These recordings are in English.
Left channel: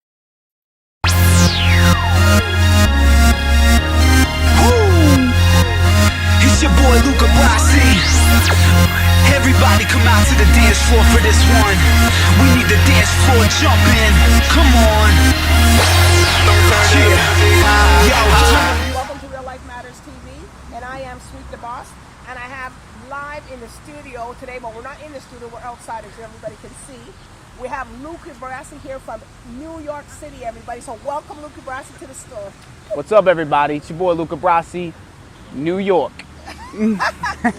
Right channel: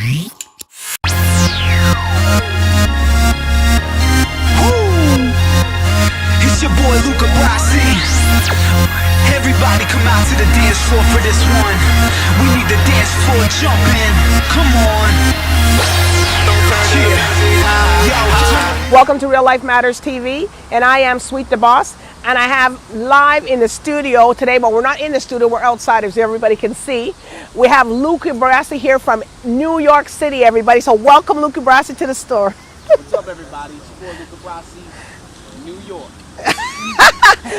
It's your boy Luca Brassy. Everybody come out to the dance floor for this one. We need the dance floor jumping. Come on. Yeah. Welcome to Real Life Matters TV, and I am Sweet the Boss, and I have live in the studio today, but we're not in the studio, we're outside as everybody can see. We have Luca Brassy here from New York City, everybody. So welcome Luca Brassy to the store. What's up, everybody? It's your boy Luca Brassy, New York.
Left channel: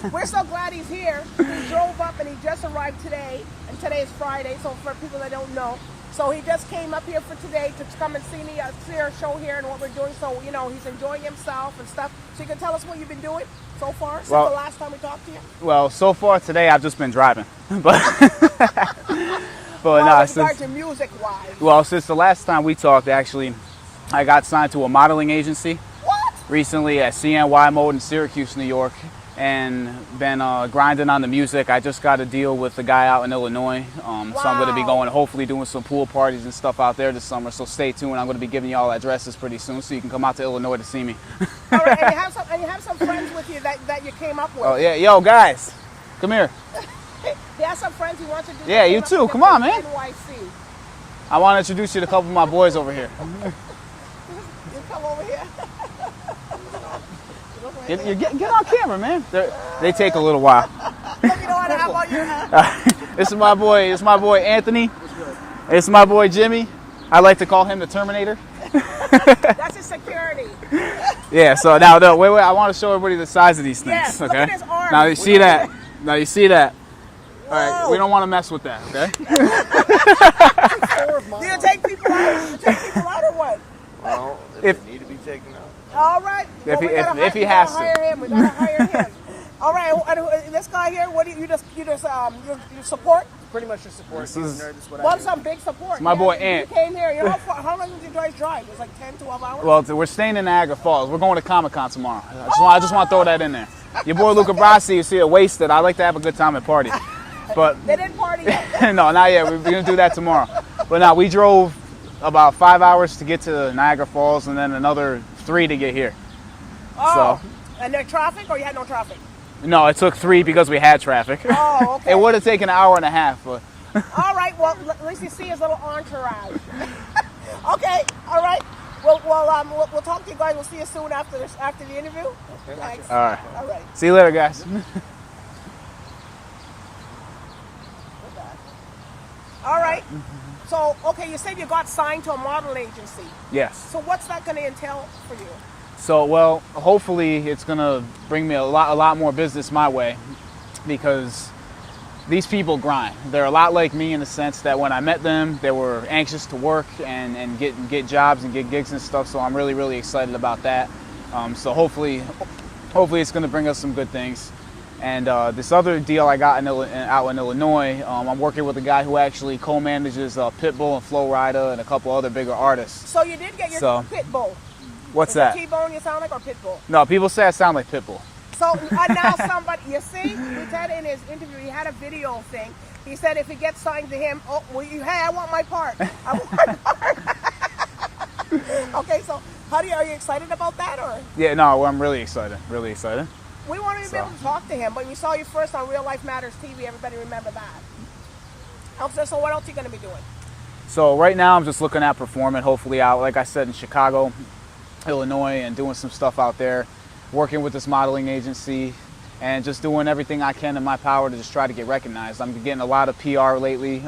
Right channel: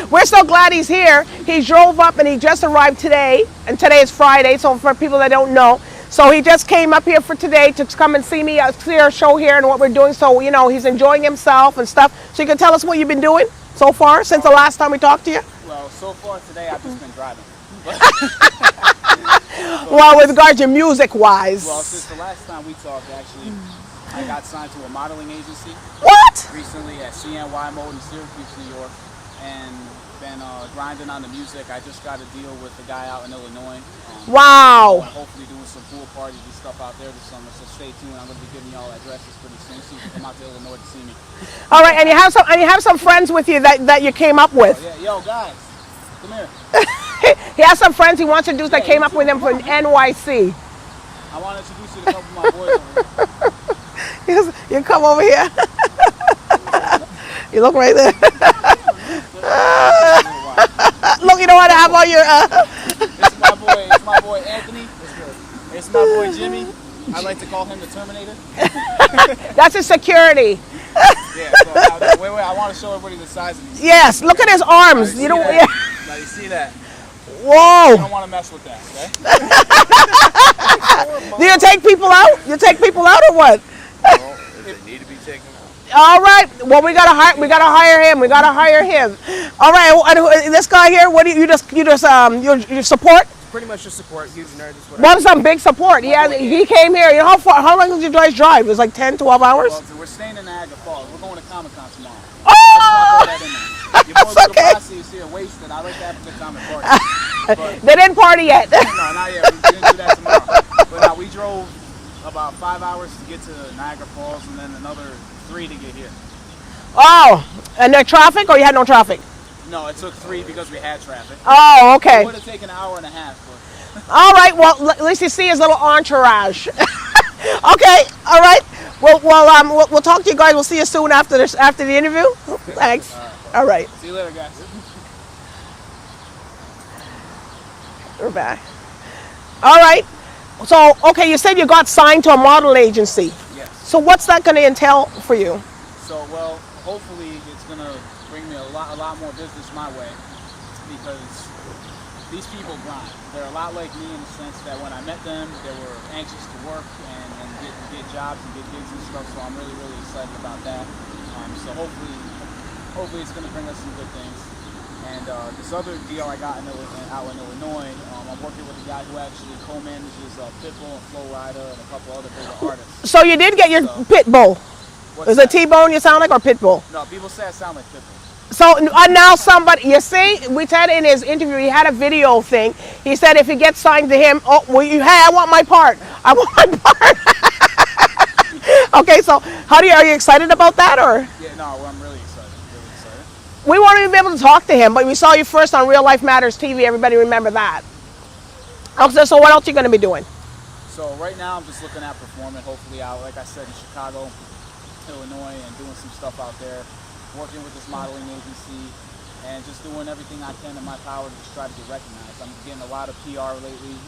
We're so glad he's here. He drove up and he just arrived today, and today is Friday, so for people that don't know. So he just came up here for today to come and see me, see our show here and what we're doing. So, you know, he's enjoying himself and stuff. So you can tell us what you've been doing so far since the last time we talked to you? Well, so far today I've just been driving. But well, with regards to music-wise. Well, since the last time we talked, actually, I got signed to a modeling agency. What? Recently at CNY Mode in Syracuse, New York, and been grinding on the music. I just got a deal with a guy out in Illinois. Wow. So I'm going to be going, hopefully doing some pool parties and stuff out there this summer, so stay tuned. I'm going to be giving you all addresses pretty soon, so you can come out to Illinois to see me. All right, and you have some friends with you that you came up with. Oh, yeah, yo, guys, come here. He has some friends he wants to do that came up with him from NYC. I want to introduce you to a couple of my boys over here. You come over here. You look right there. Get on camera, man. They take a little while. Look, you don't want to have all your... It's my boy Anthony. It's my boy Jimmy. I like to call him the Terminator. That's his security. Yeah, so now, wait, I want to show everybody the size of these things. Yes, okay? Look at his arms. Now you see that? Now you see that? Whoa. Right, you don't want to mess with that, okay? Do you take people out? You take people out or what? No, if need to be taken out. All right. Well, we gotta hire him. We gotta hire him. All right. And this guy here, what do you just support? Pretty much just support. What was some big support? He came here. You know how long did you guys drive? It was like 10, 12 hours? Well, we're staying in Niagara Falls. We're going to Comic-Con tomorrow. I just want to throw that in there. Your boy Luca Brassy, you see it wasted. I like to have a good time at parties. But they didn't party yet. No, not yet. We're going to do that tomorrow. But no, we drove about 5 hours to get to Niagara Falls and then another 3 to get here. Oh, so, and the traffic, or you had no traffic? No, it took 3 because we had traffic. Oh, okay. It would have taken an hour and a half. But. All right, well, at least you see his little entourage. Okay, all right. Well, we'll talk to you guys. We'll see you soon after the interview. Thanks. All right. All right. See you later, guys. We're back. All right. So, okay, you said you got signed to a model agency. Yes. So what's that going to entail for you? So, well, hopefully it's going to bring me a lot more business my way, because these people grind. They're a lot like me in the sense that when I met them, they were anxious to work and get jobs and get gigs and stuff. So I'm really, really excited about that. So hopefully it's going to bring us some good things. And this other deal I got out in Illinois, I'm working with a guy who actually co-manages Pitbull and Flo Rida and a couple other bigger artists. So you did get your Pitbull. What's Is that? it T-Bone you sound like, or Pitbull? No, people say I sound like Pitbull. So now somebody, you see, we said in his interview, he had a video thing. He said if he gets signed to him, oh, well, hey, I want my part. I want my part. Okay, so are you excited about that, or? Yeah, no, I'm really excited, really excited. We won't even be able to talk to him, but we saw you first on Real Life Matters TV. Everybody remember that. Okay, so what else are you going to be doing? So right now I'm just looking at performing, hopefully out, like I said, in Chicago, Illinois, and doing some stuff out there, working with this modeling agency, and just doing everything I can in my power to just try to get recognized. I'm getting a lot of PR lately,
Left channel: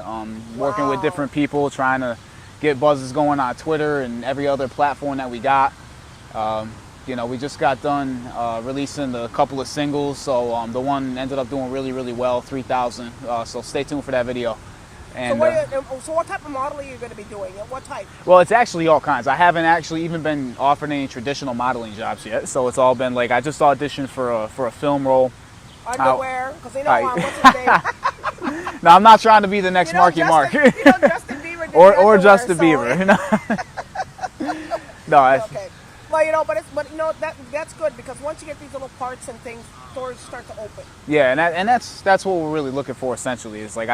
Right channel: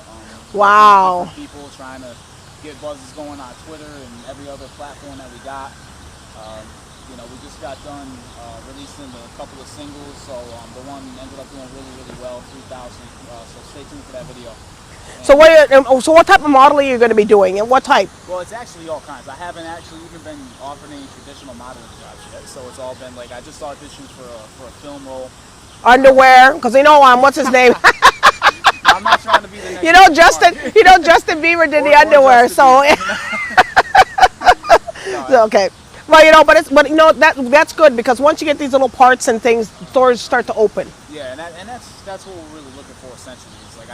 working with different people, trying to get buzzes going on Twitter and every other platform that we got. You know, we just got done releasing a couple of singles, so the one ended up doing really, really well, 3,000. So stay tuned for that video. And, so what type of modeling are you going to be doing, and what type? Well, it's actually all kinds. I haven't actually even been offered any traditional modeling jobs yet, so it's all been like I just auditioned for a film role. Underwear, because you know what's his name? No, I'm not trying to be the next. Justin Bieber did the underwear, so. No, okay. Well, but you know that's good, because once you get these little parts and things, doors start to open. Yeah, and that's what we're really looking for essentially. It's like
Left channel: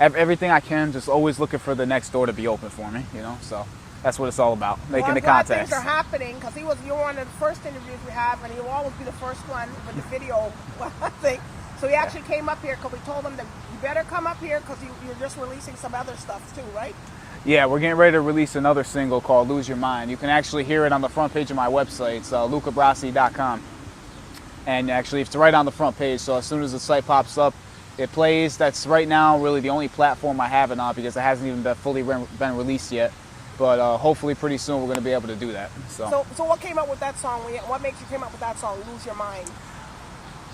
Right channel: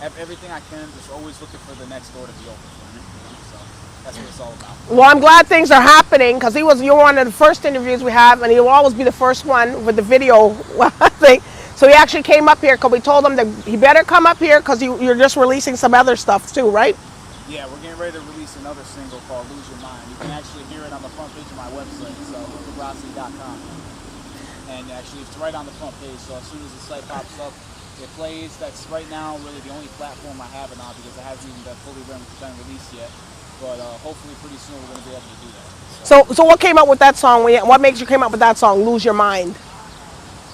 everything I can, just always looking for the next door to be open for me, you know. So that's what it's all about. Well, I'm glad things are happening because you're one of the first interviews we have, and he'll always be the first one with the video thing. So he actually came up here because we told him that he better come up here because you're just releasing some other stuff too, right? Yeah, we're getting ready to release another single called Lose Your Mind. You can actually hear it on the front page of my website. It's lucabrassy.com. And actually, it's right on the front page. So as soon as the site pops up, it plays. That's right now really the only platform I have it on because it hasn't even fully been released yet. But hopefully pretty soon we're going to be able to do that. So what came up with that song? What makes you come up with that song, Lose Your Mind?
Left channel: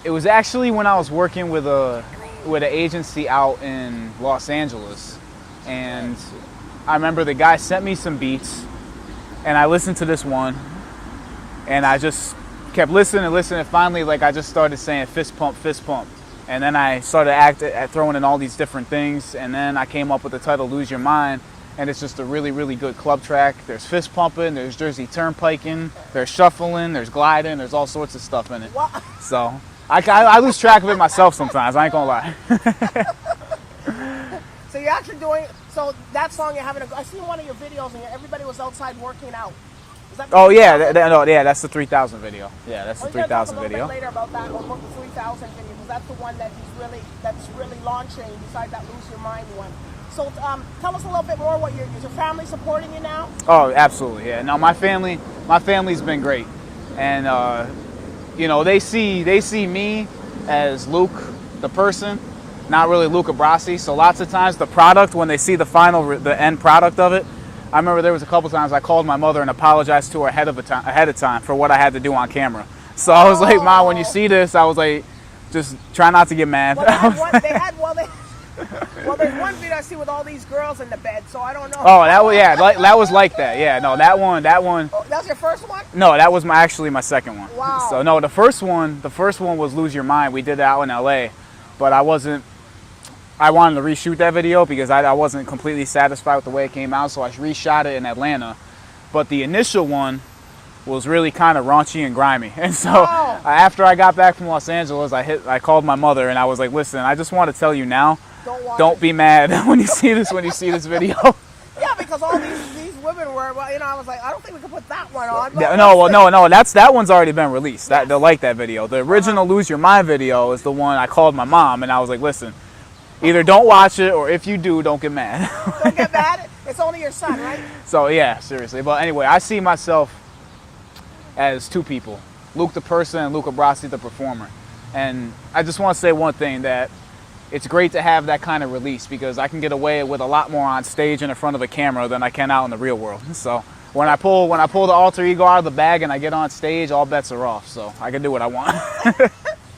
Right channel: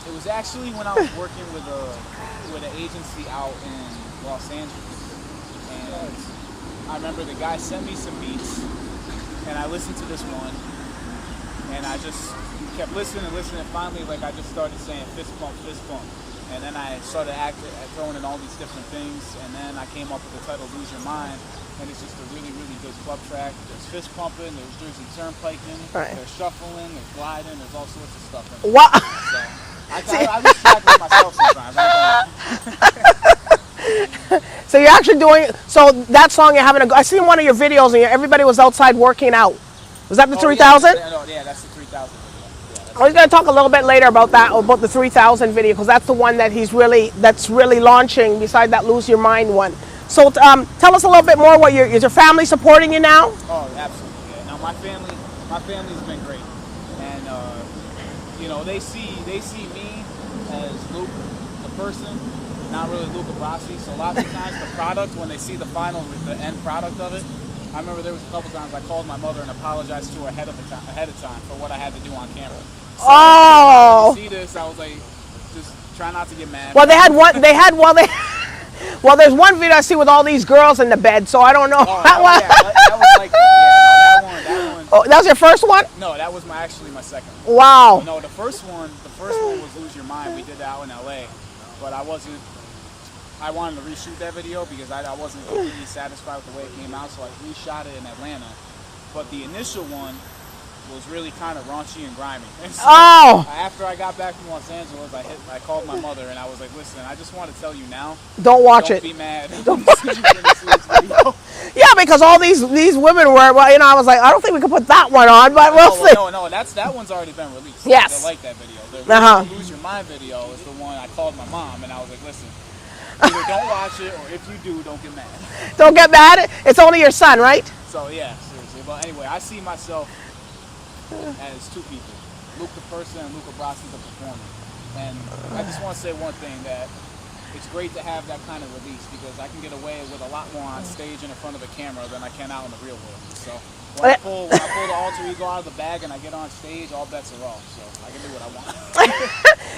It was actually when I was working with an agency out in Los Angeles. And I remember the guy sent me some beats, and I listened to this one, and I just kept listening, and finally, like, I just started saying fist pump, and then I started throwing in all these different things, and then I came up with the title Lose Your Mind, and it's just a really, really good club track. There's fist pumping, there's Jersey turnpiking, right. There's shuffling, there's gliding, there's all sorts of stuff in it. What? So I lose track of it myself sometimes, I ain't gonna lie. So you're actually doing, so that song you're having I seen one of your videos and everybody was outside working out. Was that the 3000? Yeah, that's the 3000 video. Yeah, that's I was going to talk a little bit later about that, about the 3000 video, because that's the one that that's really launching beside that Lose Your Mind one. So tell us a little bit more. Is your family supporting you now? Oh, absolutely. Yeah. No, my family's been great, and you know, they see me as Luke, the person, not really Luca Brassy. So lots of times the product, when they see the end product of it, I remember there was a couple times I called my mother and apologized to her ahead of time for what I had to do on camera. So I was like, Mom, when you see this, I was like, just try not to get mad. Well, well, there's one video I see with all these girls in the bed, so I don't know. Oh, that was like that. Yeah, no, that one. Oh, that was your first one? No, that was actually my second one. Wow. So no, the first one was Lose Your Mind. We did that out in LA, but I wanted to reshoot that video because I wasn't completely satisfied with the way it came out, so I reshot it in Atlanta. But the initial one was really kind of raunchy and grimy. And so after I got back from Los Angeles, I called my mother and I was like, listen, I just want to tell you now, don't be mad when you see this video. Yeah, because all these women were, well, you know, I was like, I don't think we could put that one on, but no, that one's already been released. Yes. They like that video. The original Lose Your Mind video is the one I called my mom and I was like, listen, either don't watch it, or if you do, don't get mad. Don't get mad? It's only your son, right? So yeah, seriously. But anyway, I see myself as two people, Luke the person and Luca Brassy the performer. And I just want to say one thing, that it's great to have that kind of release because I can get away with a lot more on stage and in front of a camera than I can out in the real world. So when I pull the alter ego out of the bag and I get on stage, all bets are off. So I can do what I want.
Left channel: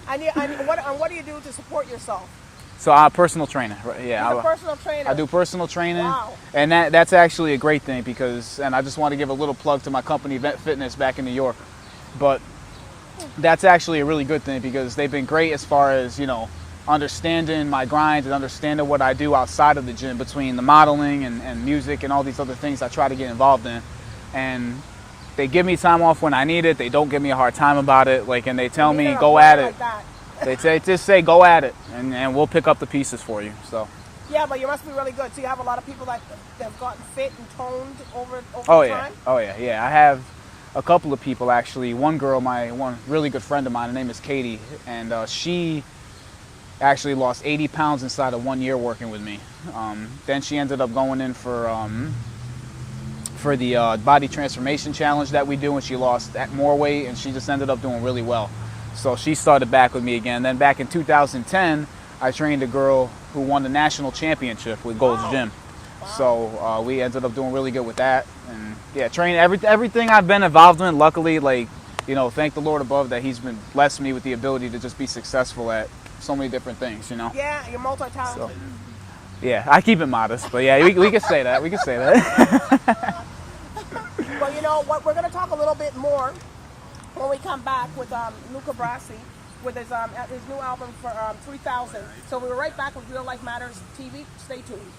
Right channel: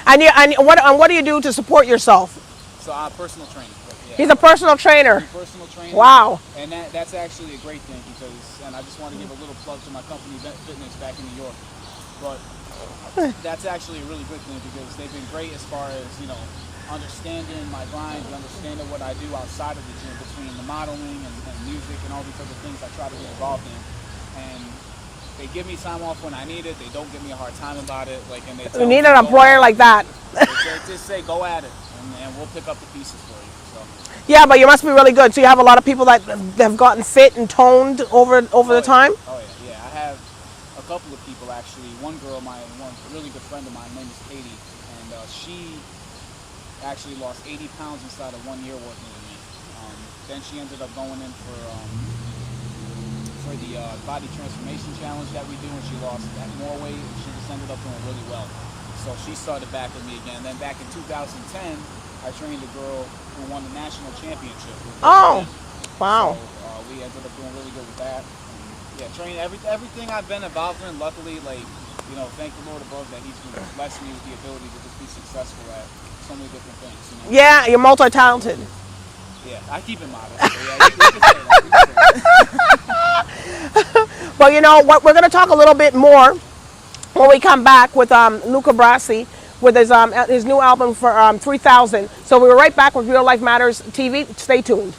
And what do you do to support yourself? So I'm a personal trainer. Yeah, He's a personal trainer. I do personal training. Wow. And that's actually a great thing because, and I just want to give a little plug to my company, Event Fitness, back in New York. But that's actually a really good thing because they've been great as far as, you know, understanding my grind and understanding what I do outside of the gym between the modeling and music and all these other things I try to get involved in. And they give me time off when I need it. They don't give me a hard time about it. Like, and they tell me, you needed a player like that. They just say, go at it, and we'll pick up the pieces for you. So. Yeah, but you must be really good. So you have a lot of people that have gotten fit and toned over the time? Oh, yeah. I have a couple of people, actually. One girl, one really good friend of mine, her name is Katie, and she actually lost 80 pounds inside of 1 year working with me. Then she ended up going in for the body transformation challenge that we do, and she lost more weight, and she just ended up doing really well. So she started back with me again. Then back in 2010, I trained a girl who won the national championship with Golden Gym. Wow. So we ended up doing really good with that. And yeah, training everything I've been involved in, luckily, like, you know, thank the Lord above that He's been blessed me with the ability to just be successful at so many different things, you know? Yeah, you're multi-talented. So, yeah, I keep it modest, but yeah, we can say that. We can say that. Well, you know what? We're going to talk a little bit more when we come back with Luca Brassy with his new album for 3000. So we're right back with Real Life Matters TV. Stay tuned.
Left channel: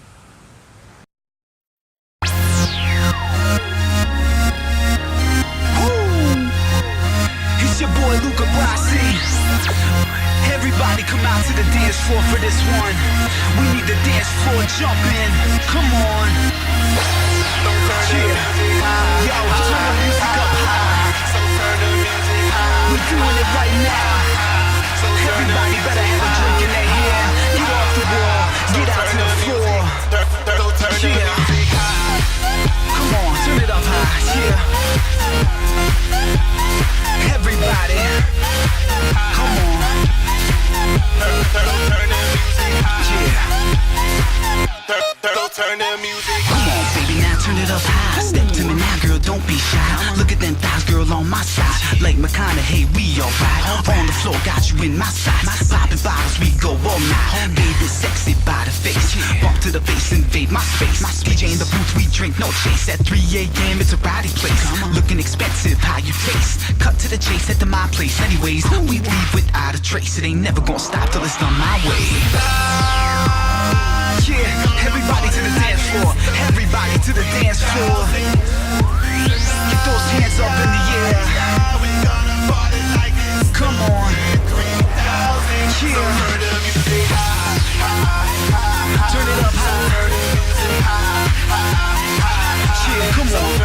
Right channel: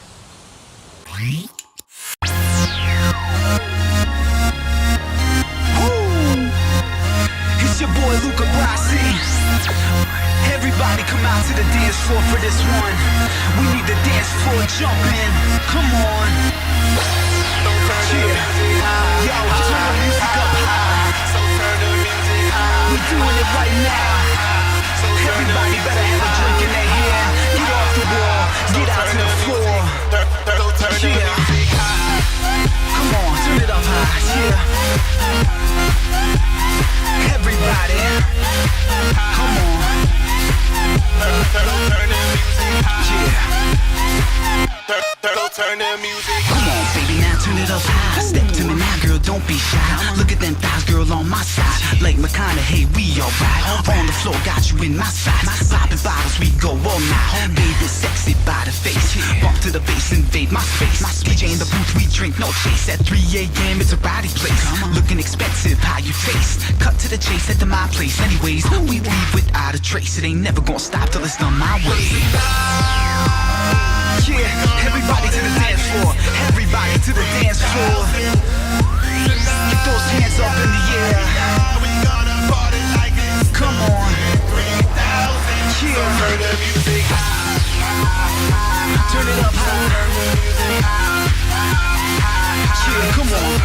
It's your boy Luca Brassy. Everybody Everybody come out to the dance floor for this one. We need the dance floor jumping. Come on. Yeah. Yo, turn the music up high. We're doing it right now. Everybody better have a drink in their hand. Get off the wall, get out to the floor. Yeah. Come on, turn it up high. Yeah. Everybody, come on. Turn the music. Come on, baby, now turn it up high. Step to me now, girl, don't be shy. Look at them thighs, girl, on my side. Like McConaughey, we alright. On the floor, got you in my sights. Popping bottles, we go all night. Baby, sexy by the face. Bump to the bass, invade my space. DJ in the booth, we drink, no chase. At 3 a.m., it's a rowdy place. Looking expensive, how you taste? Cut to the chase, head to my place. Anyways, we leave without a trace. It ain't never gonna stop till it's done my way. Yeah, everybody to the dance floor. Everybody to the dance floor. Get those hands up in the air. Come on. Yeah. Turn it up high. Yeah, come on.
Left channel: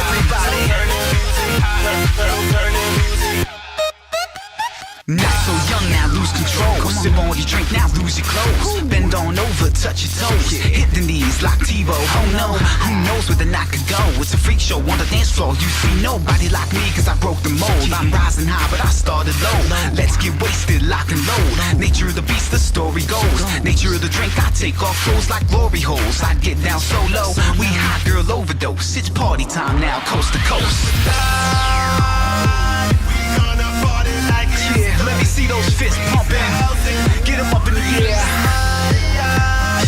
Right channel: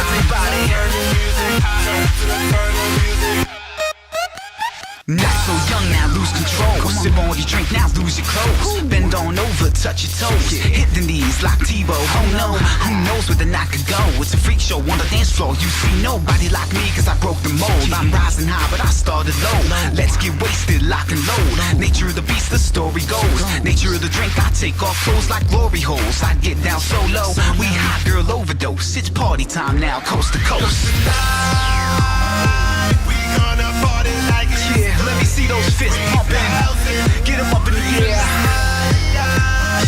Everybody. Not so young now, lose control. Sip on your drink now, lose your clothes. Bend on over, touch your toes. Hit the knees like Tebow. Oh no, who knows where the night could go? It's a freak show on the dance floor. You see nobody like me cause I broke the mold. I'm rising high but I started low. Let's get wasted, lock and load. Nature of the beast, the story goes. Nature of the drink, I take off clothes like glory holes. I get down so low, we hot girl overdose. It's party time now, coast to coast. Yeah, let me see those fists pumping. Get them up in the air.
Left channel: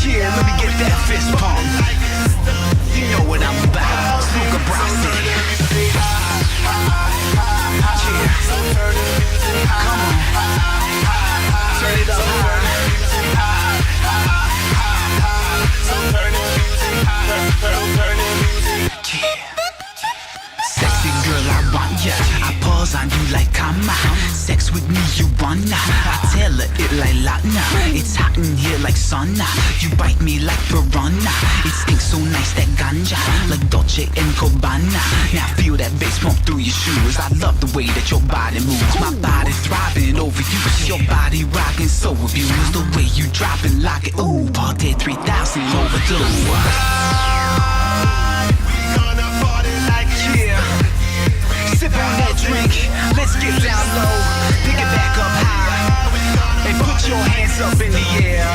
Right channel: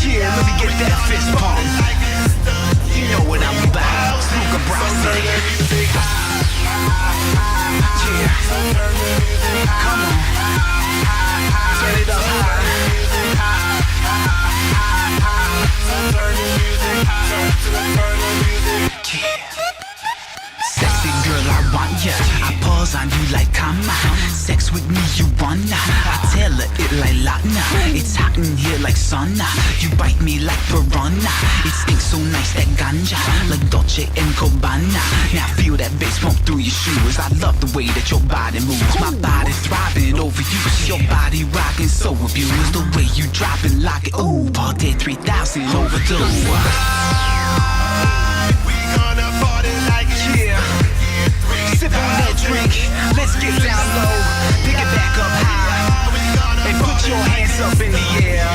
Yeah, let me get that fist pump. You know what I'm about. It's Luca Brassy. Yeah. Come on. Turn it up high. Yeah. Sexy girl, I want ya. I pause on you like karma. Sex with me, you wanna. I tell her it like Lana. It's hot in here like sauna. You bite me like piranha. It stinks so nice, that ganja. Like Dolce and Gabbana. Now feel that bass pump through your shoes. I love the way that your body moves. My body thriving over you. Your body rocking, so abused. The way you drop and lock it. Ooh, party 3000 overdose. Sip on that drink, let's get down low. Pick it back up high. And put your hands up in the air.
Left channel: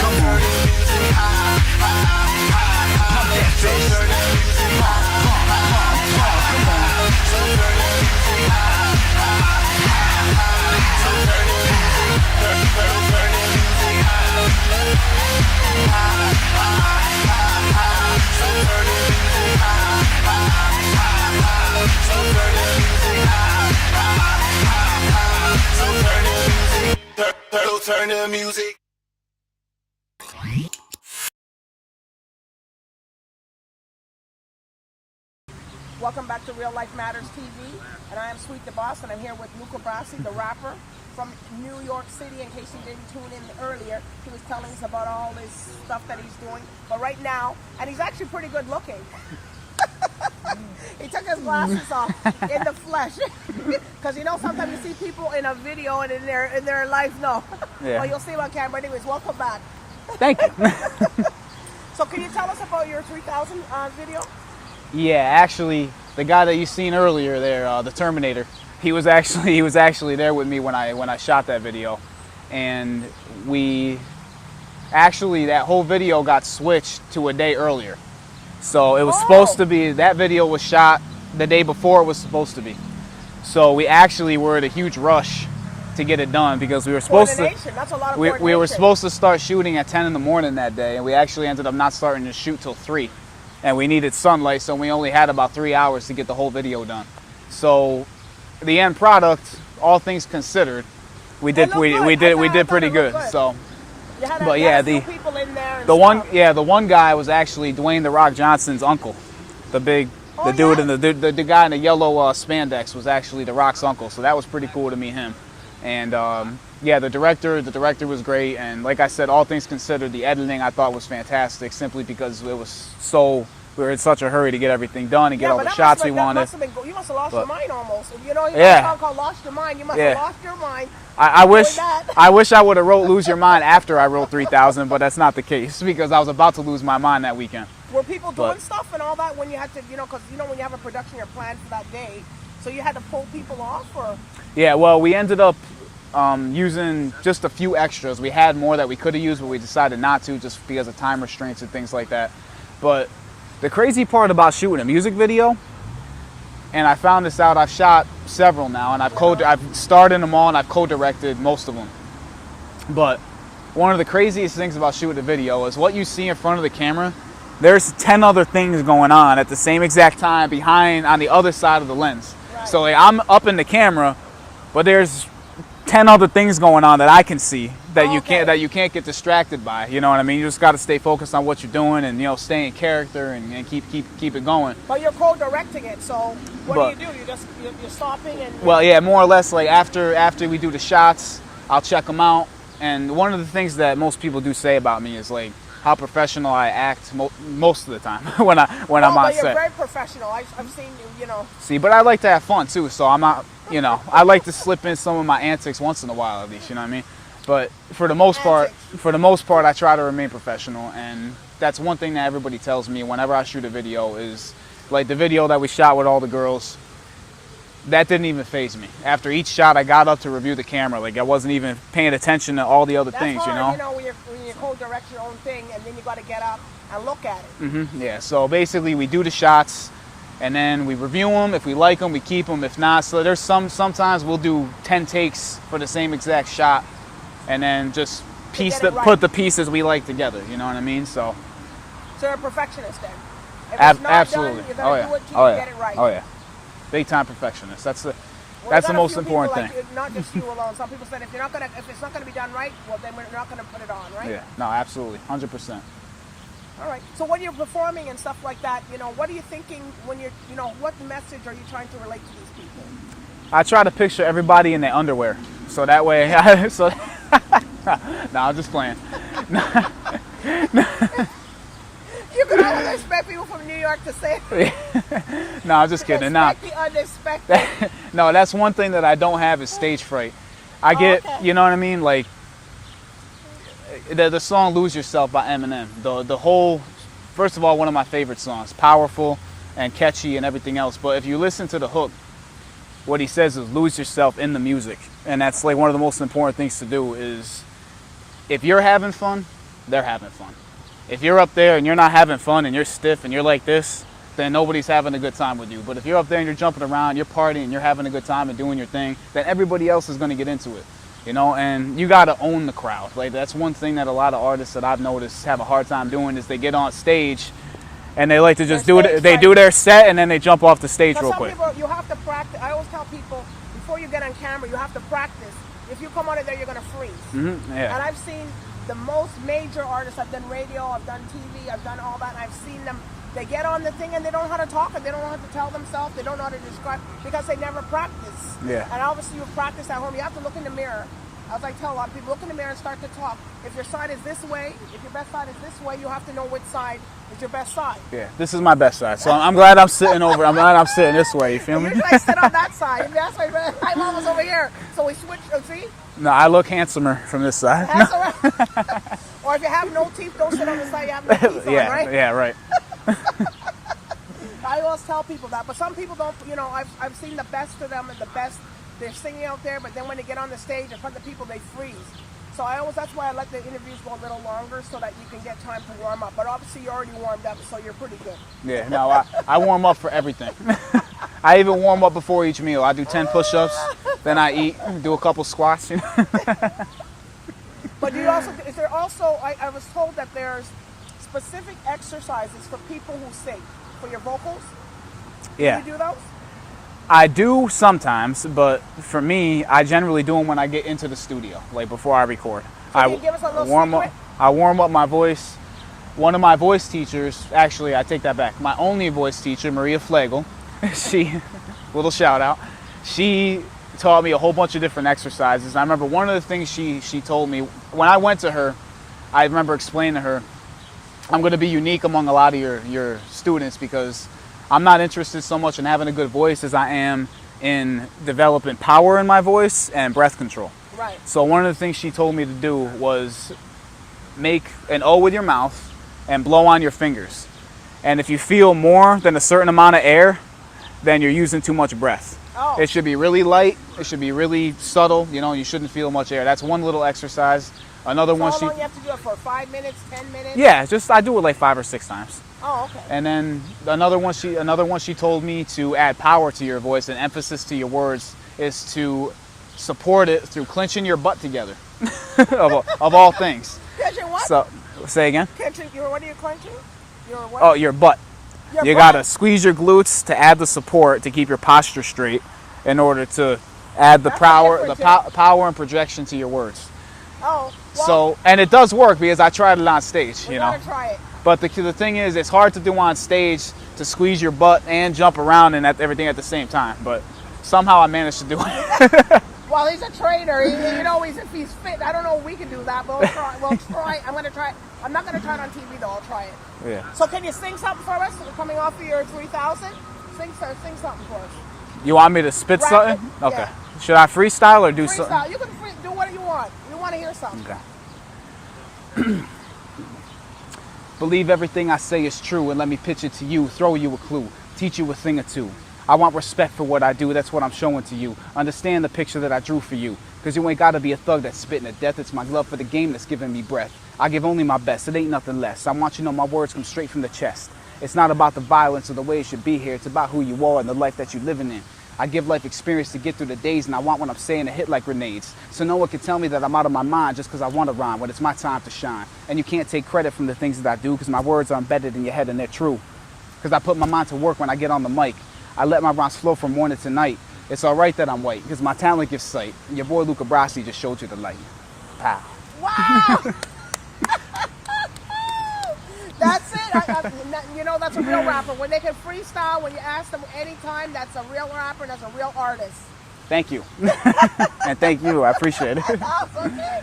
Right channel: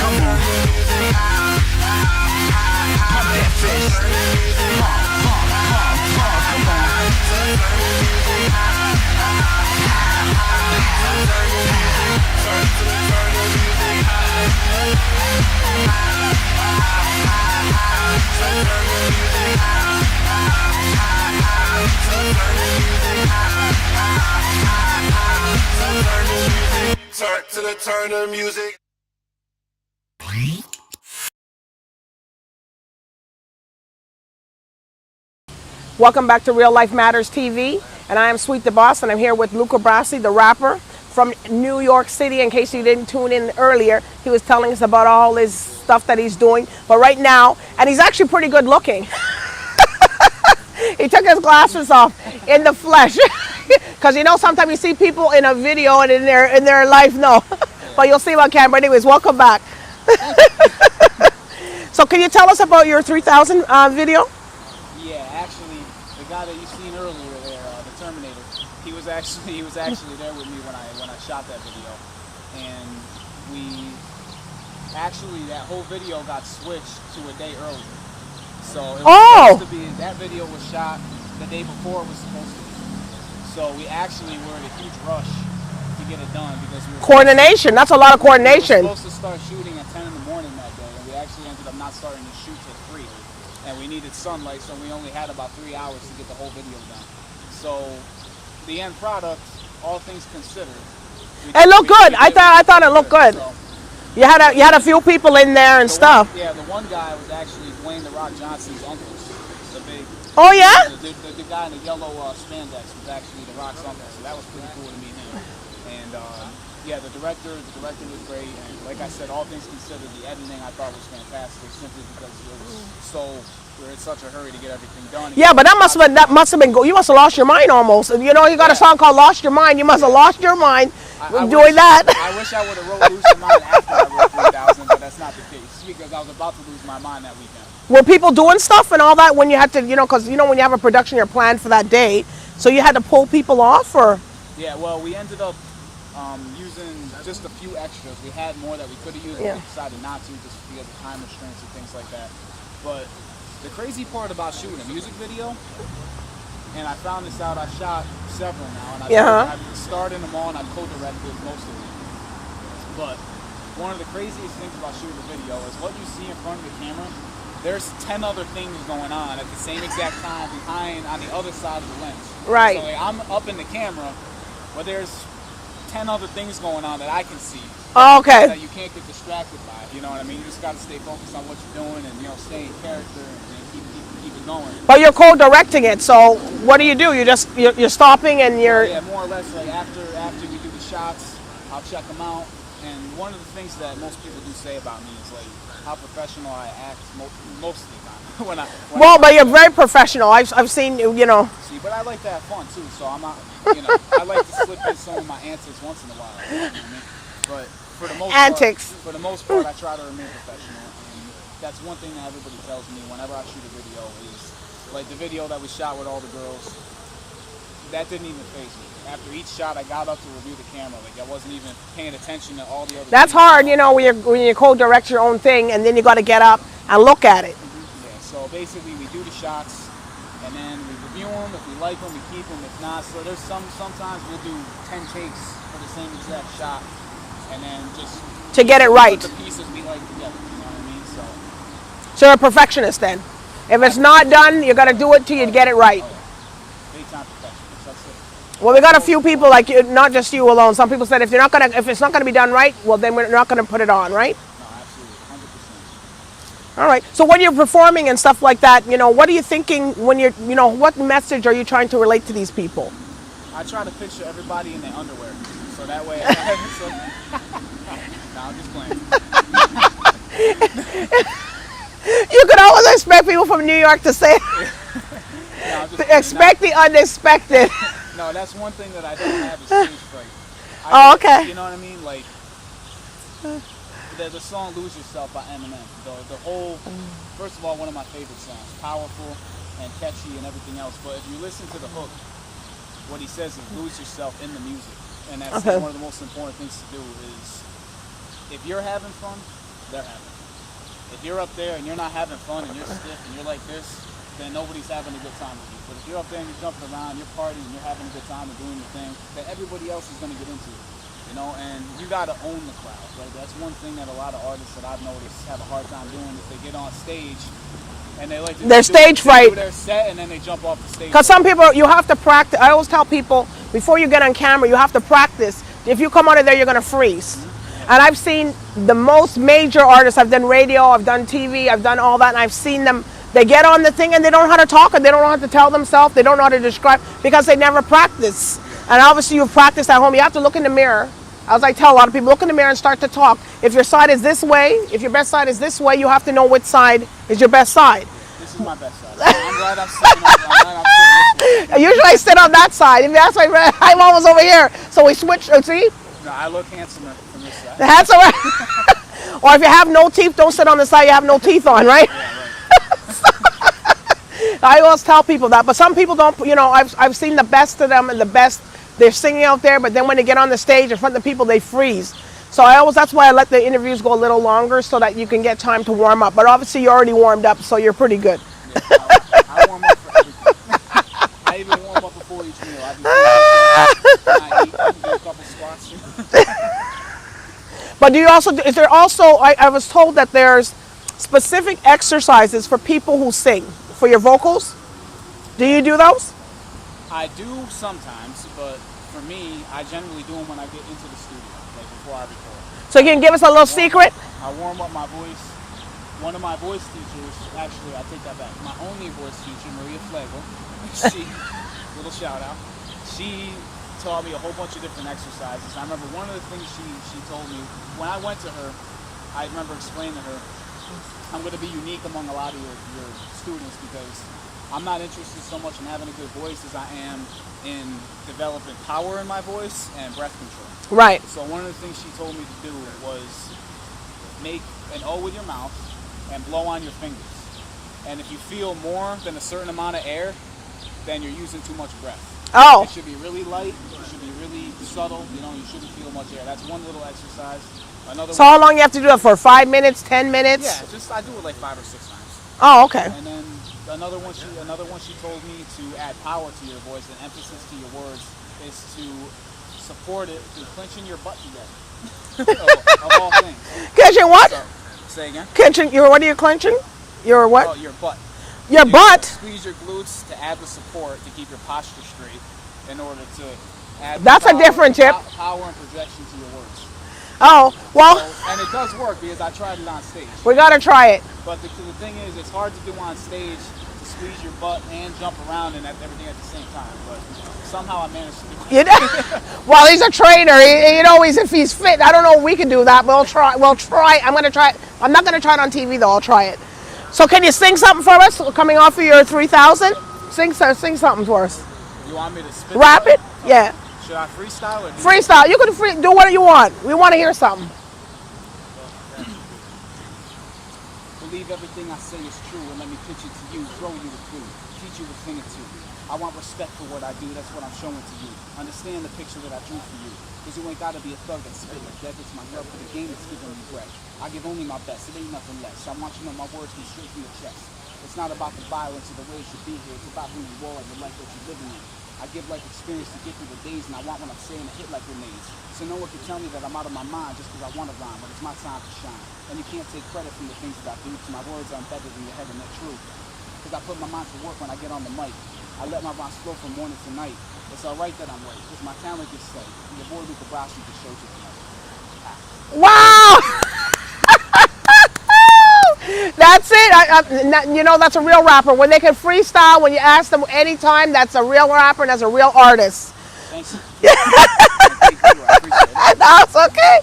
Come on. Pump that fist. Pump, pump, pump, pump. Come on. Turn the music. Welcome back to Real Life Matters TV, and I am Sweet the Boss, and I'm here with Luca Brassy, the rapper from New York City. In case you didn't tune in earlier, he was telling us about all his stuff that he's doing. But right now, and he's actually pretty good looking. He took his glasses off in the flesh, because you know sometimes you see people in a video and in their life, no. Yeah. But you'll see him on camera. Anyways, welcome back. Thank you. So can you tell us about your 3000 video? Yeah, actually, the guy that you seen earlier there, the Terminator, he was actually there with me when I shot that video, and that whole video got switched to a day earlier. So it was supposed to be, that video was shot the day before it was supposed to be. So we actually were in a huge rush to get it done because we were coordination. That's a lot of coordination. We were supposed to start shooting at 10 in the morning that day, and we actually ended up not starting to shoot till 3. And we needed sunlight, so we only had about 3 hours to get the whole video done. So the end product, all things considered, we did. It looked good. I thought it looked good. So, you had a few people in there and stuff. The one guy was actually Dwayne "The Rock" Johnson's uncle, the big Oh, the yeah? dude in the guy in the yellow spandex was actually The Rock's uncle, so that was pretty cool to meet him. And yeah, the director was great, and like I said, all things considered, the editing I thought was fantastic, simply because it was we were in such a hurry to get everything done. And Yeah, get but all the shots we that wanted. must have been you must have lost your mind almost. You know, you got Yeah. a song called "Lost Your Mind." You must have Yeah. lost your mind I doing wish that. I wish I would have wrote "Lose Your Mind" after I wrote 3000, but that's not the case because I was about to lose my mind that weekend. Were people doing stuff and all that when you had to, you know, because you know when you have a production you're planned for that day, so you had to pull people off, or? Yeah, well, we ended up using just a few extras. We had more that we could have used, but we decided not to just because of time restraints and things like that. But the crazy part about shooting a music video, and I found this out, I've shot several now, and I've starred in them all, and I've co-directed most of them. But one of the craziest things about shooting a video is what you see in front of the camera, there's 10 other things going on at the same exact time behind on the other side of the lens. Right. So like, I'm up in the camera, but there's 10 other things going on that I can see that you can't get distracted by. You know what I mean? You just got to stay focused on what you're doing and, you know, stay in character and keep it going. But you're co-directing it, so what do? You're stopping and you're... Well, yeah, more or less, like after we do the shots, I'll check them out. And one of the things that most people do say about me is like how professional I act most of the time when I'm on but you're set. very professional. I've seen, you know... See, but I like to have fun too, so I'm not, you know, I like to slip in some of my antics once in a while, at least, you know what I mean? But for the most part, I try to remain professional, and that's one thing that everybody tells me whenever I shoot a video is, like the video that we shot with all the girls, that didn't even faze me. After each shot, I got up to review the camera, like I wasn't even paying attention to all the other That's things. That's hard, you know, when you co-direct your own thing, and then you got to get up and look at it. Mm-hmm. Yeah, so basically we do the shots, and then we review them. If we like them, we keep them. If not, so there's sometimes we'll do 10 takes for the same exact shot, and then just to get it right, put the pieces we like together. You know what I mean? So you're a perfectionist then. If it's not done, you got to do it till you get it right. Oh yeah, big time perfectionist. That's the. Well, we got a few people like you, not just you alone. Some people said if it's not gonna be done right, well then we're not gonna put it on, right? Yeah, no, absolutely, 100%. All right. So when you're performing and stuff like that, you know, what are you thinking when you're, you know, what message are you trying to relate to these people? I try to picture everybody in their underwear, so that way. No, I'm just playing. You can always expect people from New York to say. No, I'm just kidding. Expect the unexpected. No, that's one thing that I don't have is stage fright. I get, you know what I mean? Like the song "Lose Yourself" by Eminem. The whole, first of all, one of my favorite songs, powerful and catchy and everything else. But if you listen to the hook, what he says is lose yourself in the music, and that's like one of the most important things to do. Is if you're having fun, they're having fun. If you're up there and you're not having fun and you're stiff and you're like this, then nobody's having a good time with you. But if you're up there and you're jumping around, you're partying, you're having a good time and doing your thing, then everybody else is going to get into it, you know. And you got to own the crowd. Like that's one thing that a lot of artists that I've noticed have a hard time doing is they get on stage and they like to just do their set and then they jump off the stage. Because some people, you have to practice. I always tell people before you get on camera, you have to practice. If you come out of there, you're going to freeze. Mm-hmm. Yeah. And I've seen the most major artists. I've done radio, I've done TV, I've done all that, and I've seen them. They get on the thing and they don't know how to talk, and they don't know how to tell themselves. They don't know how to describe because they never practice. Yeah. And obviously, you've practiced at home. You have to look in the mirror. As I tell a lot of people, look in the mirror and start to talk. If your side is this way, if your best side is this way, you have to know which side is your best side. Yeah, this is my best side. So I'm glad I'm sitting over. I'm glad I'm sitting this way. You know? Usually I sit on that side. If that's why I'm always over here. So we switch. See? No, I look handsomer from this side. Or if you have no teeth, don't sit on the side you have no teeth on, right? Yeah, right. I always tell people that, but some people don't. You know, I've seen the best of them and the best. They're singing out there, but then when they get on the stage in front of the people, they freeze. So that's why I let the interviews go a little longer so that you can get time to warm up. But obviously you're already warmed up, so you're pretty good. Yeah, no, I warm up for everything. I even warm up before each meal. I do 10 push-ups, then I eat, do a couple squats. You know? But do you also, is there also, I was told that there's specific exercises for people who sing, for your vocals. Do you do those? I do sometimes, but for me, I generally do them when I get into the studio, like before I record. So you can give us a little secret? I warm up my voice one of my voice teachers, actually, I take that back. My only voice teacher, Maria Flegel, she, little shout out, she taught me a whole bunch of different exercises. And I remember one of the things she told me, when I went to her, I remember explaining to her, I'm going to be unique among a lot of your students because I'm not interested so much in having a good voice as I am in developing power in my voice and breath control. Right. So one of the things she told me to do was make an O with your mouth and blow on your fingers. And if you feel more than a certain amount of air, then you're using too much breath. Oh. It should be really light. It should be really subtle. You know, you shouldn't feel much air. That's one little exercise. Another So one. how long you have to do that for? 5 minutes, 10 minutes? Yeah, I do it like 5 or 6 times. Oh, okay. And then another one she told me to add power to your voice and emphasis to your words is to support it through clenching your butt together. of all things. Clenching what? So, say again? Clenching, what are you clenching? Your what? Oh, your butt. Your You butt? gotta squeeze your glutes to add the support to keep your posture straight in order to add the That's a different tip. power and projection to your words. Oh, well, So, and it does work because I tried it on stage. we you got to know? try it. But the thing is, it's hard to do on stage to squeeze your butt and jump around and everything at the same time. But somehow I managed to do it. You know? Well, he's a trainer. You know, if he's fit. I don't know if we can do that. We'll try. We'll try. I'm going to try it. I'm not going to try it on TV, though. I'll try it. Yeah. So can you sing something for us coming off of your 3,000? Sing something for us. You want me to spit Rap it? something? Yeah. Should I freestyle or do Freestyle. You can do what you want. We want to hear something. Believe everything I say is true and let me pitch it to you, throw you a clue, teach you a thing or two. I want respect for what I do, that's what I'm showing to you. Understand the picture that I drew for you. Cause you ain't gotta be a thug that's spitting to death, it's my love for the game that's giving me breath. I give only my best, it ain't nothing less. I want you to know my words come straight from the chest. It's not about the violence or the way it should be here, it's about who you are and the life that you're living in. I give life experience to get through the days and I want what I'm saying to hit like grenades. So no one can tell me that I'm out of my mind just because I want to rhyme when it's my time to shine. And you can't take credit from the things that I do because my words are embedded in your head and they're true. Because I put my mind to work when I get on the mic. I let my rhymes flow from morning to night. It's alright that I'm white because my talent gives sight. And your boy Luca Brassy just showed you the light. Pow. Wow! That's it. You know, that's a real rapper. When they can freestyle, when you ask them anytime, that's a real rapper and that's a real artist. Thank you. And thank you. I appreciate it. That's okay.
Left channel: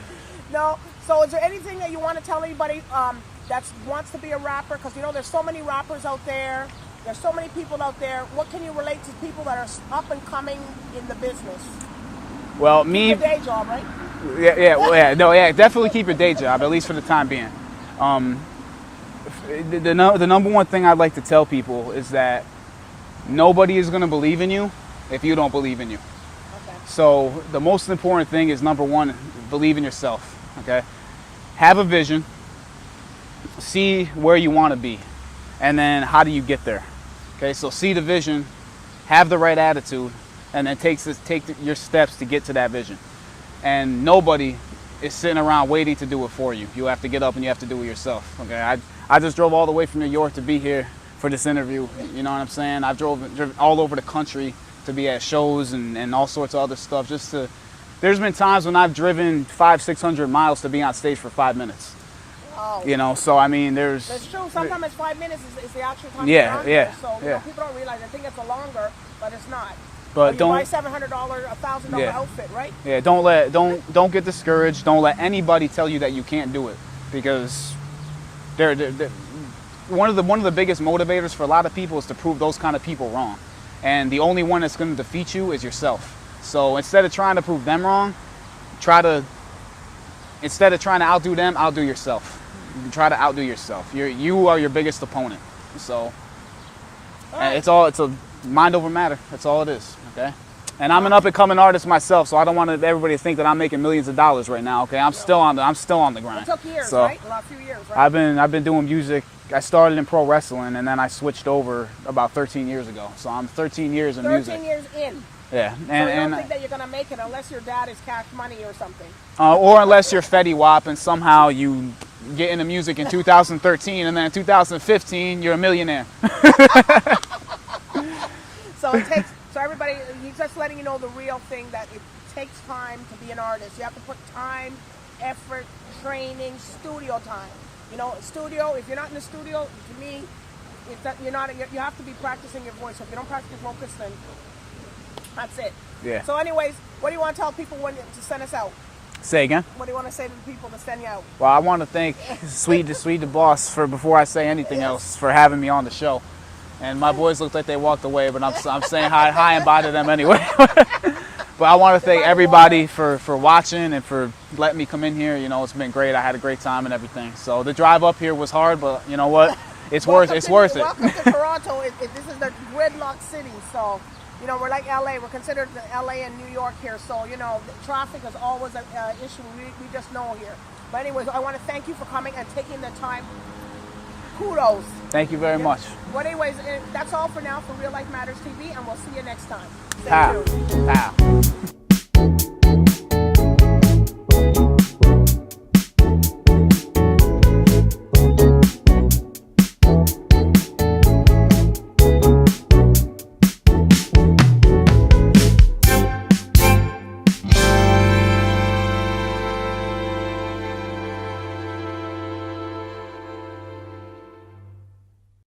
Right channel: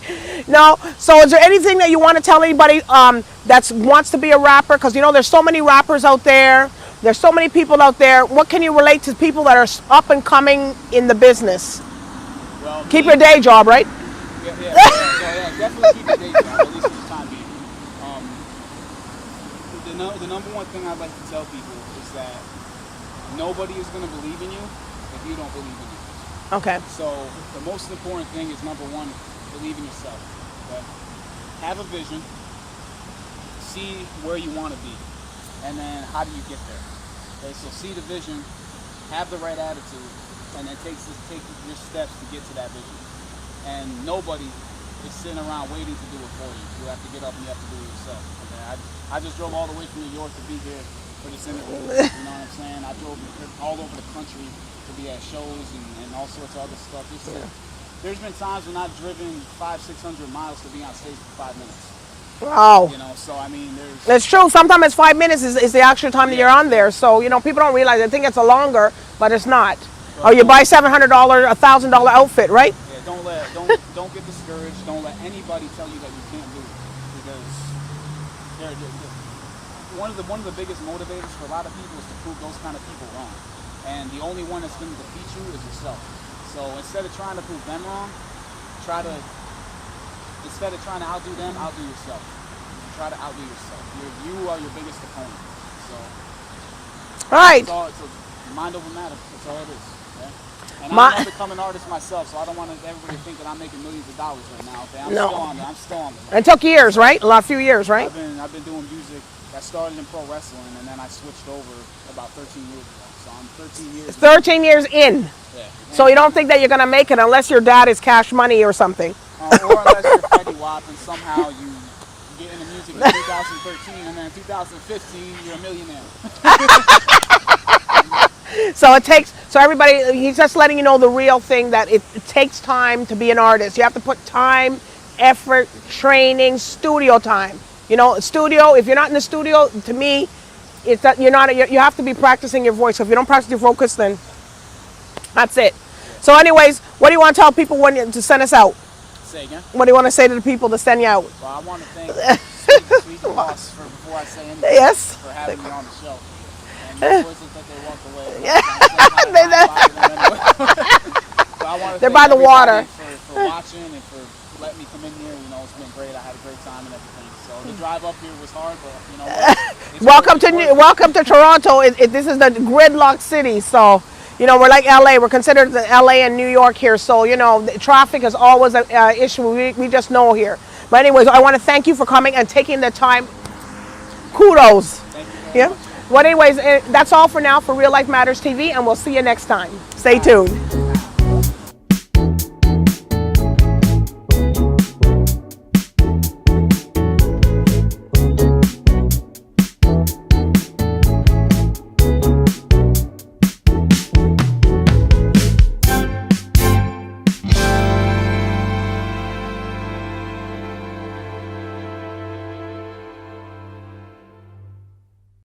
No. So is there anything that you want to tell anybody that wants to be a rapper? Because, you know, there's so many rappers out there. There's so many people out there. What can you relate to people that are up and coming in the business? Well, Keep your day job, right? Yeah, definitely keep a day job, at least for the time being. The number one thing I'd like to tell people is that nobody is going to believe in you if you don't believe in you. Okay. So the most important thing is, number one, believe in yourself, okay? Have a vision, see where you want to be, and then how do you get there? Okay, so see the vision, have the right attitude, and then take your steps to get to that vision. And nobody is sitting around waiting to do it for you. You have to get up and you have to do it yourself, okay? I just drove all the way from New York to be here for this interview, you know what I'm saying? I drove all over the country to be at shows and all sorts of other stuff. There's been times when I've driven 500-600 miles to be on stage for 5 minutes. Wow. You know, so I mean, That's true. Sometimes it's 5 minutes is the actual time you're on there. So, you know, people don't realize. They think it's a longer, but it's not. But or you buy $700, $1,000 outfit, right? Yeah, don't get discouraged. Don't let anybody tell you that you can't do it, because they're one of the biggest motivators for a lot of people is to prove those kind of people wrong. And the only one that's going to defeat you is yourself. So instead of trying to prove them wrong, instead of trying to outdo them, outdo yourself. You try to outdo yourself. You are your biggest opponent. So All right. it's a mind over matter. That's all it is. Okay. And I'm an up and coming artist myself, so I don't want everybody to think that I'm making millions of dollars right now. Okay. I'm still on the grind. It took years, right? A few years, right? I've been doing music. I started in pro wrestling, and then I switched over about 13 years ago. So I'm 13 years in. 13 years in. Yeah. So you don't think that you're going to make it unless your dad is Cash Money or something? Or unless you're Fetty Wap and somehow you get into music in 2013, and then in 2015 you're a millionaire. So everybody, he's just letting you know the real thing, that it takes time to be an artist. You have to put time, effort, training, studio time. You know, studio, if you're not in the studio, to me, it's that you have to be practicing your voice. So if you don't practice your vocals, then that's it. Yeah. So anyways, what do you want to tell people to send us out? Say again? What do you want to say to the people to send you out? Well, I want to thank Sweet the Boss for, before I say anything Yes. else, for having me on the show. And my boys looked like they walked away, but I'm saying hi and bye to them anyway. But I want to thank everybody for watching and for letting me come in here. You know, it's been great. I had a great time and everything. So the drive up here was hard, but you know what? It's welcome worth it. Welcome to Toronto. This is the gridlock city. So, you know, we're like LA. We're considered the LA and New York here. So, you know, the traffic is always an issue. We just know here. But anyways, I want to thank you for coming and taking the time. Kudos. Thank you very much. Well, anyways, that's all for now for Real Life Matters TV, and we'll see you next time. Stay tuned.